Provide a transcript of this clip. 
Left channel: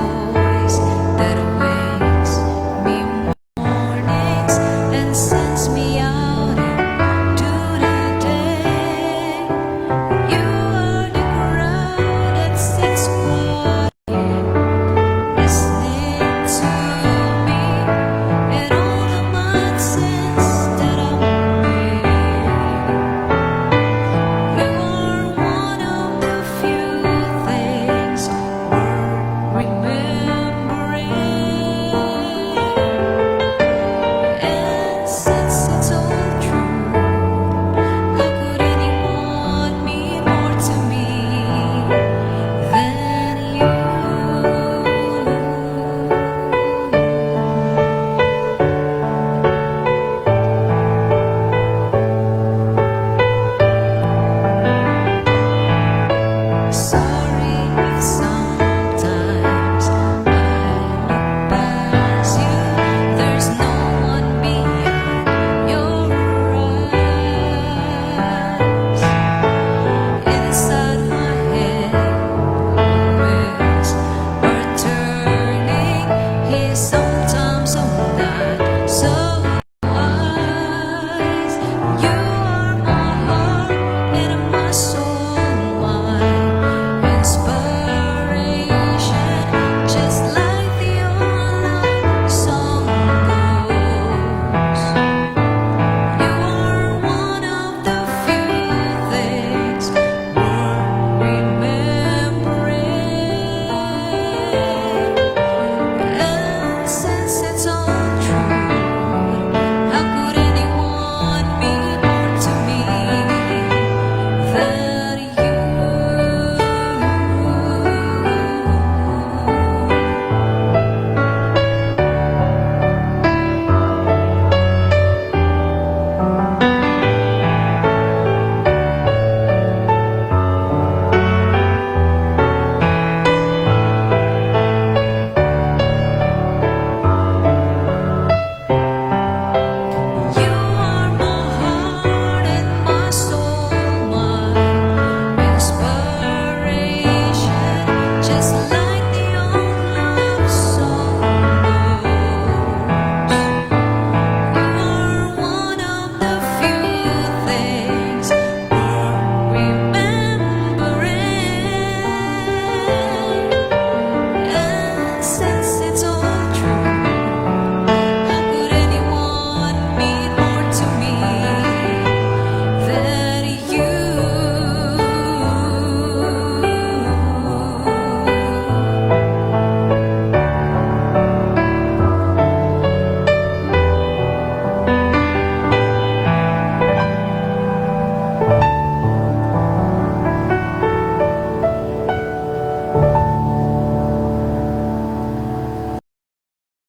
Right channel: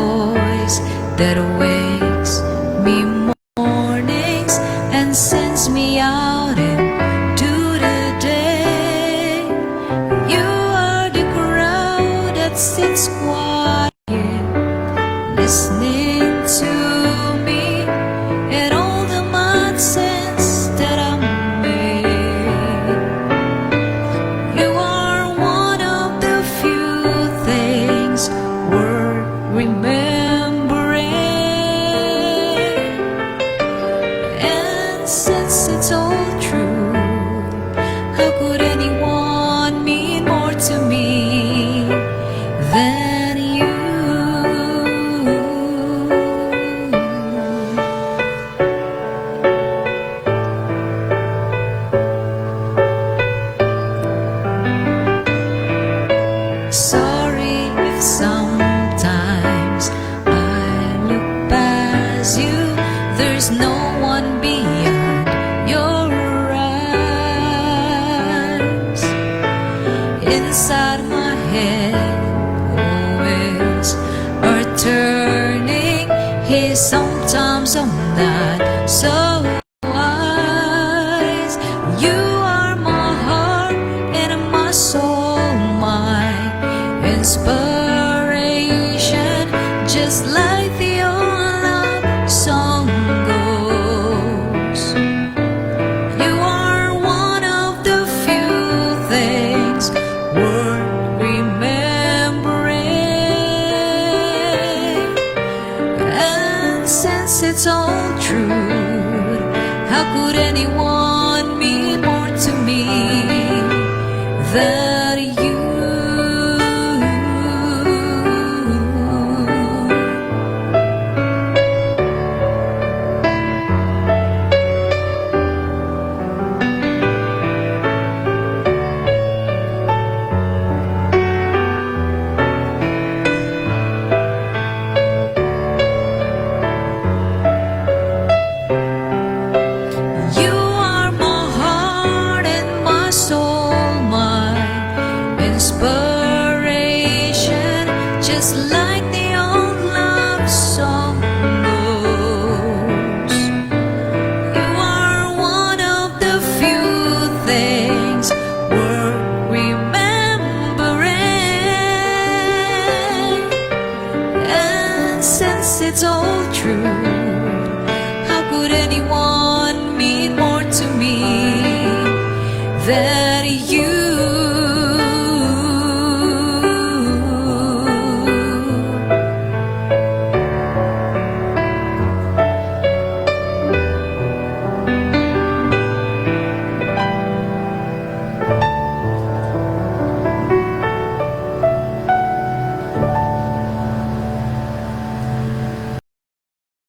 voice that wakes me mornings and sends me out into the day. You are the crowd that sits quiet, listening to me and all the nonsense that I made. You are one of the few things worth remembering. And since it's all true, how could anyone mean more to me than you? Sorry if sometimes I look past you. There's no one beyond your eyes. Inside my head, always are turning. He's sometimes so not so wise. You are my heart and my soul, my inspiration, just like the old love song goes. You are one of the few things worth remembering. And since it's all true, how could anyone mean more to me than you? You are my heart and my soul, my inspiration, just like the old love song goes. You are one of the few things worth remembering. And since it's all true, how could anyone mean more to me than you?